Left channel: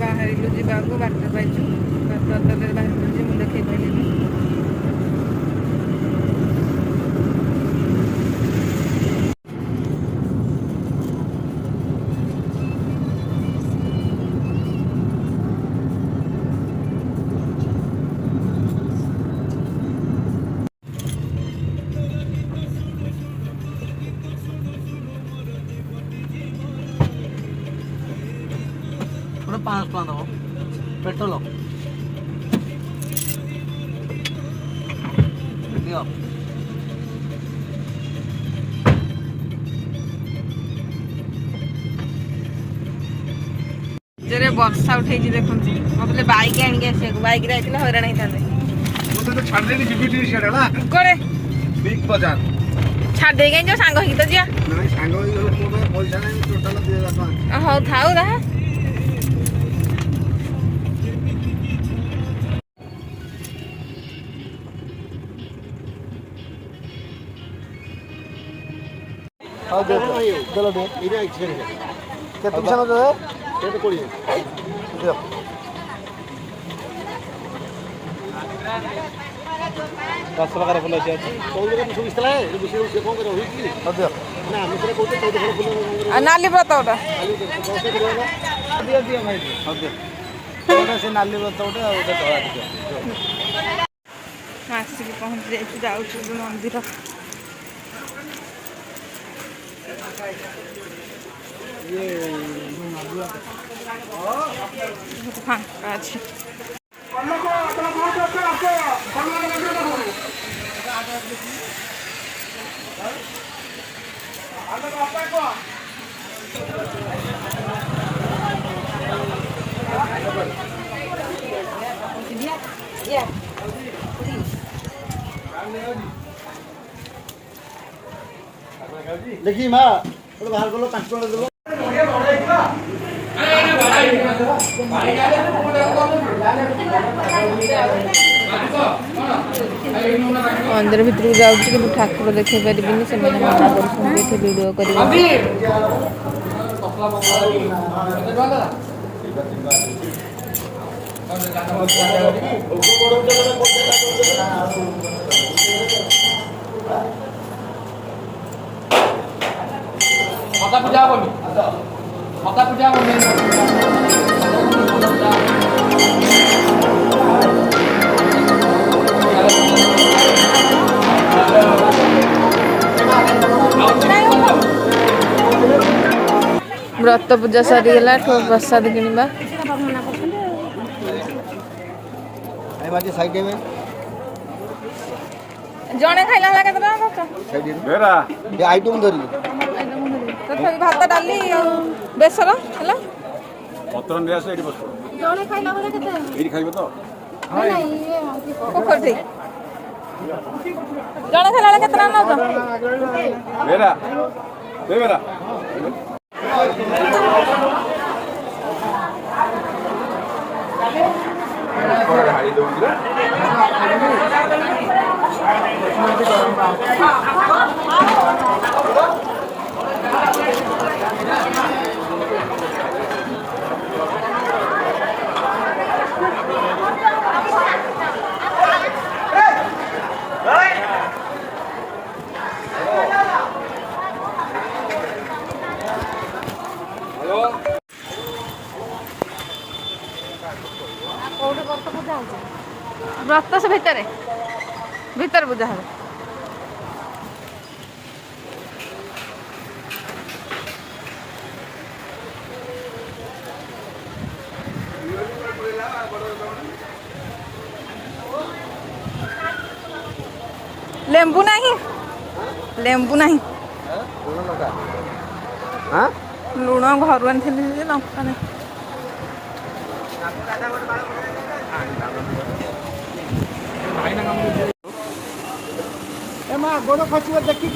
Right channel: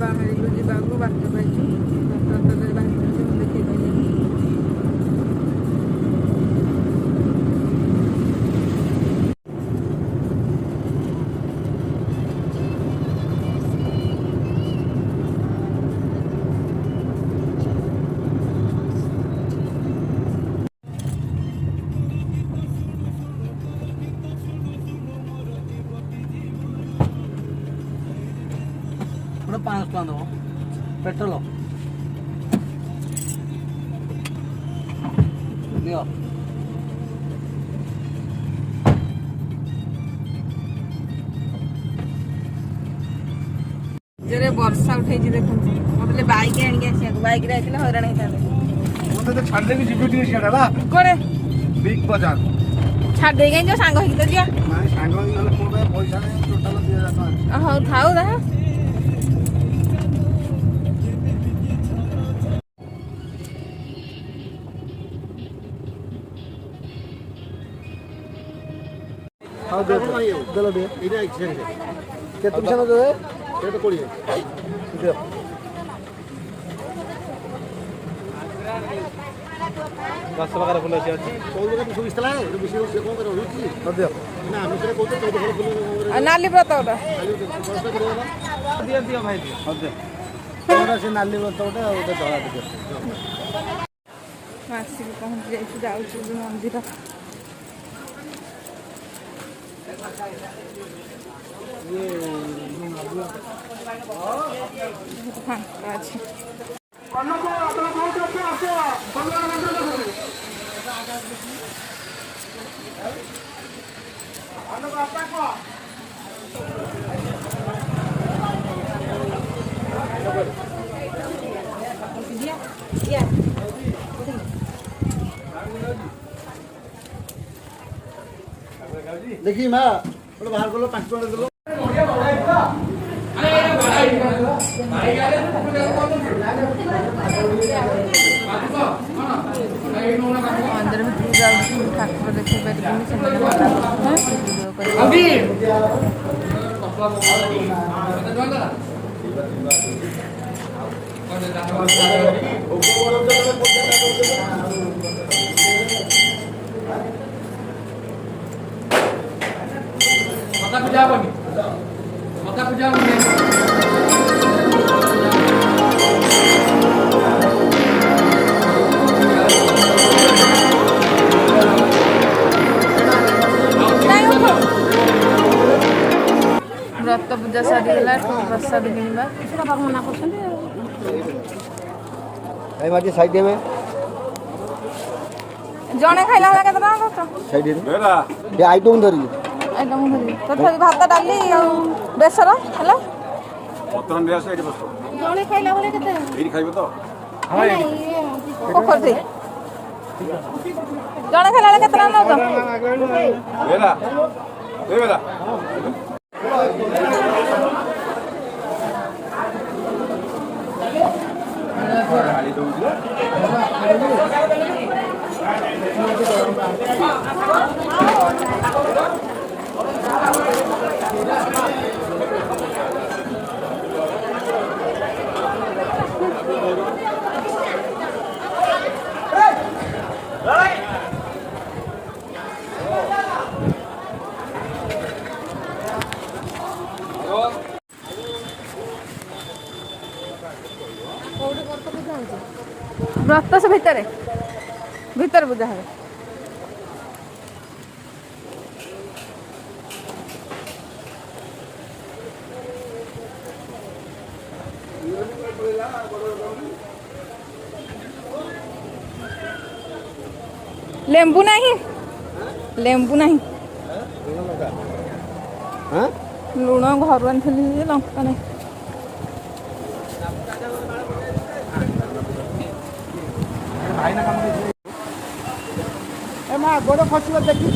ବାହାରିଲୁ ଯିବାକୁ ବାଟ ପାଇଛୁ ବାଟ ଅଟୋରେ ବାହାରିଲୁ ଯେ ମୁଁ ଦେଖେଇ ପାରିଲିନି। पेट्रोल दियो जेरे वर्षा उठे देखो मतलब बाइक आनिक आसिया बाइक रे आइले हैरान होइतांदे मोते तो छाड़ देली जीबी टी सेडा ना कोरे बिग बाजार छाड़ दे गई जो सांग होई तो जिया नाही सांग होई गले कोबे पैसा नाही टोटल 2000 टका हो थाउ रहा हां दे दे दे इरे आइछे के तुम संग दे केते कोड़ी दे दस प्रकार फुल अछि कोई जगह तू सुइस्तला है विषय से कोन करे होई की दे ना मित्र कोते कोई फल फुल नाली व्रत ओटा दियो दियो भाई दे कोन से नाली व्रत ओटे आ ओटे धरा दे आसी के पहुंच जाऊ मंदिर ये फांका अच्छी देखी माँ बाहर करो 5 टका दे मंदिर भितर जाऊँ कि ठाकुर देखे पारे से वीडियो कर मका पूजा व्रत पूजा सरीगला प्रसाद किणवा साइड में जड़े खाइला के आइटम धरी तथापि भात डाली बेसर है जड़े खाइला बेले केते पोखरी जड़े खाइला के केतना नउछ व्रत से भीतर पूजा हम लेंबू नहीं लुण घर आनी लंका नहीं बड़ फसल देखी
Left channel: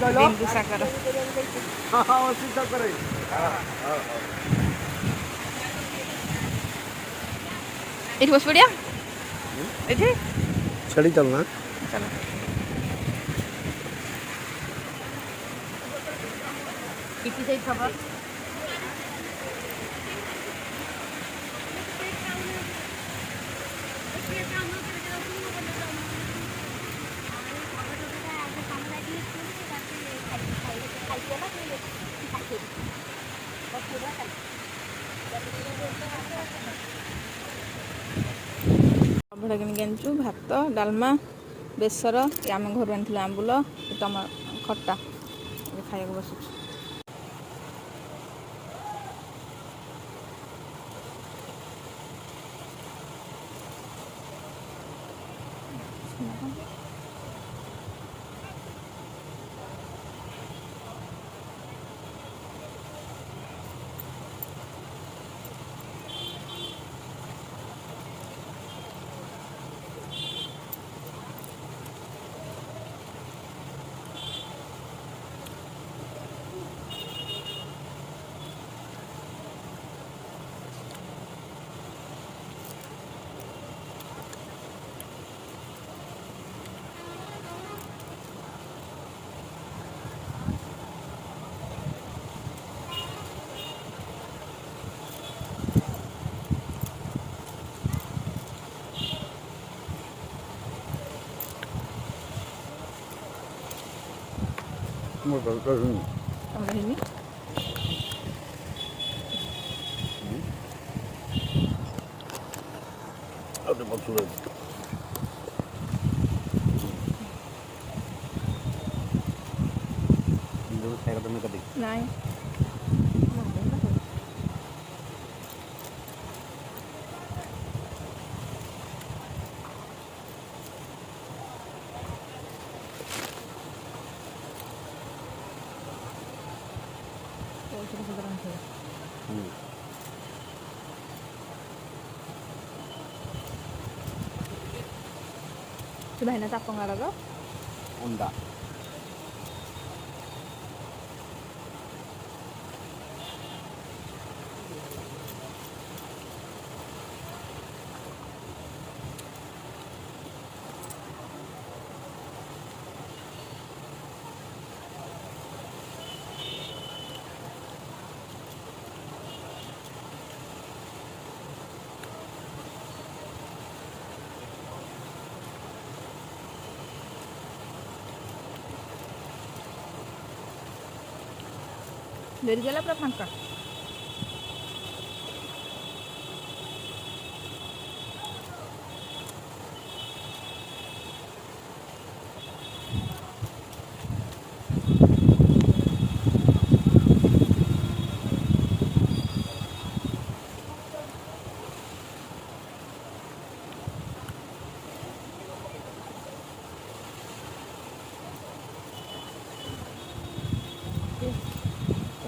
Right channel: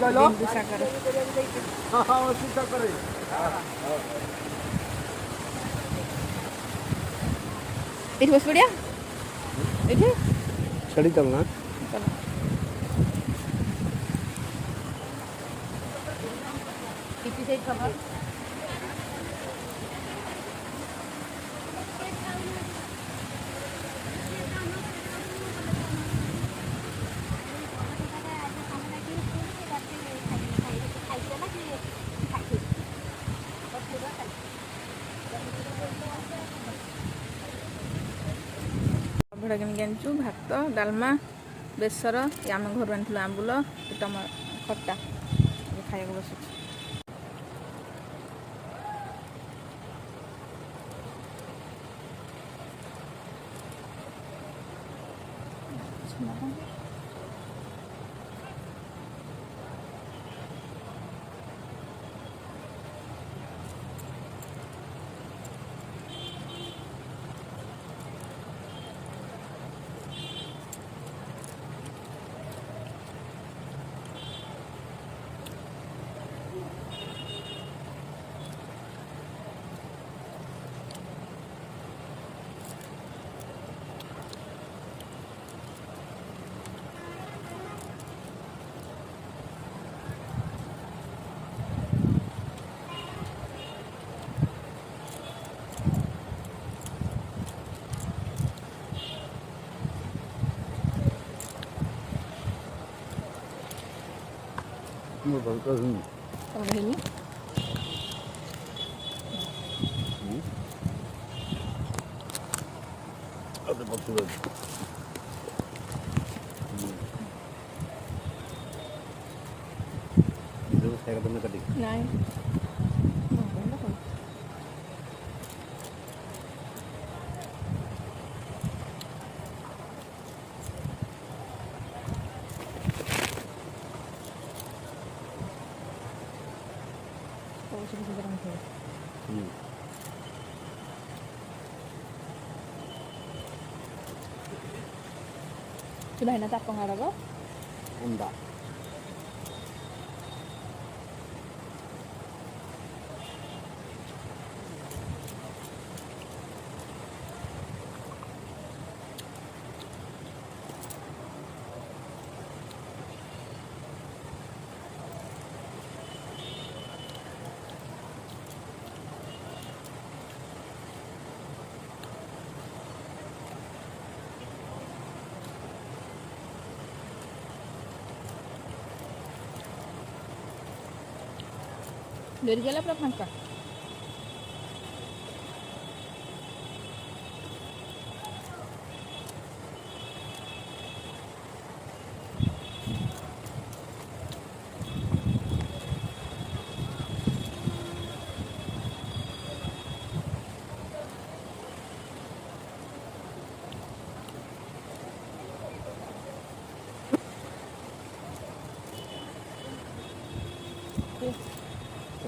କହିଲ ବିନ୍ଦୁସାଗର ସାଗରରେ ଏଠି ବସି ପଡ଼ିଆ ଏଠି ଛାଡ଼ି ଚାଲନା ଚାଲ କିଛି ସେଇ ଥବ ଅଭଡ଼ା କିଣିକି ଆଣିଛୁ ଭାତ ଡାଲମା ବେସର ଆମେ ଘରୁ ଆଣିଥିଲୁ ଆମ୍ବୁଲ ଖଟା ଏବେ ଖାଇବାକୁ ବସୁଛୁ ମୁଁ ଭଲ କରୁନି ତମର ହେଇନି ଆଉ ତ ପଛରେ ଯୋଉ ଖାଇବା ତମେ କାଟି ନାଇଁ ଭାଇନା ତାପଙ୍ଗାଡ଼ର ଅଣ୍ଡା ଡେରି ଗଲା ପୁରା ଫାଙ୍କା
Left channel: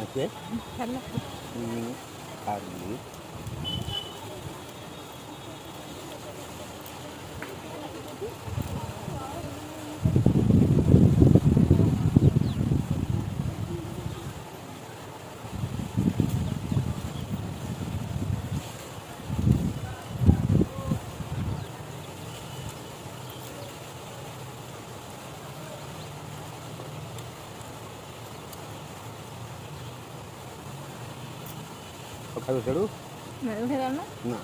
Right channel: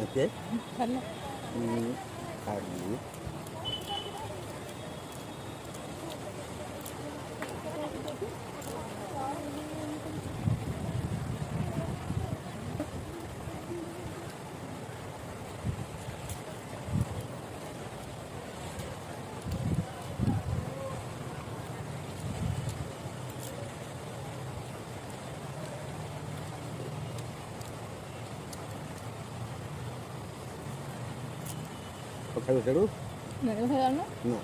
Okay. ହେଲା Hardly. ଖାଇବ ସେଠୁ ଉଠେଇ ଜାଣୁ ନା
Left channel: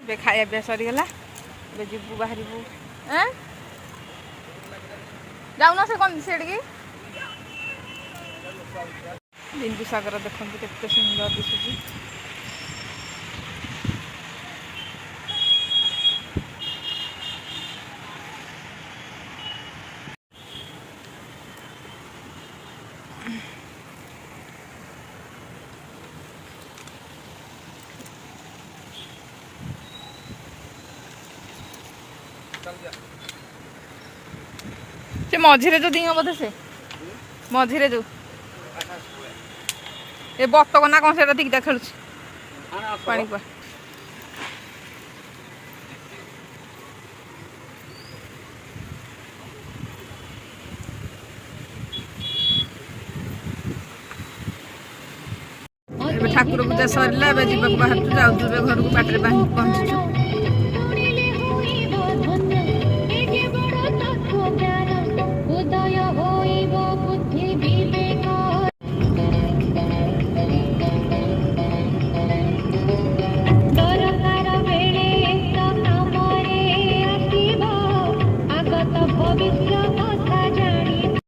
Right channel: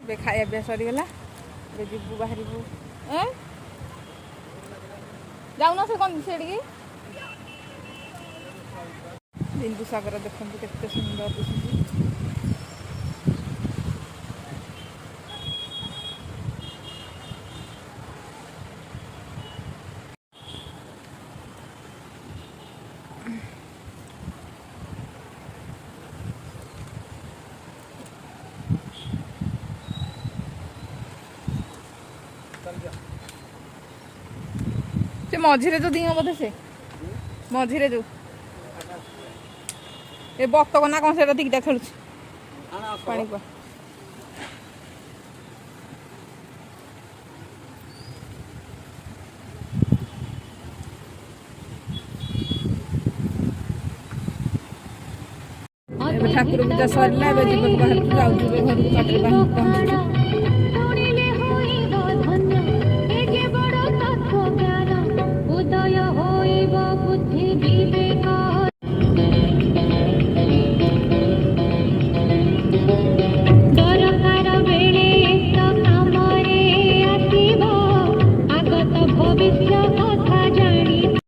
ଏବେ ଖାଇବା ପିଇବା ସରିଗଲା ଏବେ ଯିବୁ ବାହାରିବୁ ଯାଉନ ସେ କ'ଣ ସେଠିକି ବିନ୍ଦୁସାଗର ଦେଖନ୍ତୁ କେତେ ସୁନ୍ଦର ଦିଶୁଛି ସେ ମଝିରେ ଯୋଉ ଦିଅ ବୋଧେ ସେ ମଝିରେ ଯୋଉ ଏ ବତକ ନା କ'ଣ ସେଟା ଦିକିଟା ଖେଳୁଛି ପାଣି କୁଆ ଏବେ ଠାକୁର ପୂଜା ସରିଲା ଏବେ ଯିବାକୁ ବାହାରୁଛୁ ଯାଉଛୁ ଏବେ ଘରକୁ ବାଟରେ ପହଞ୍ଚିଛୁ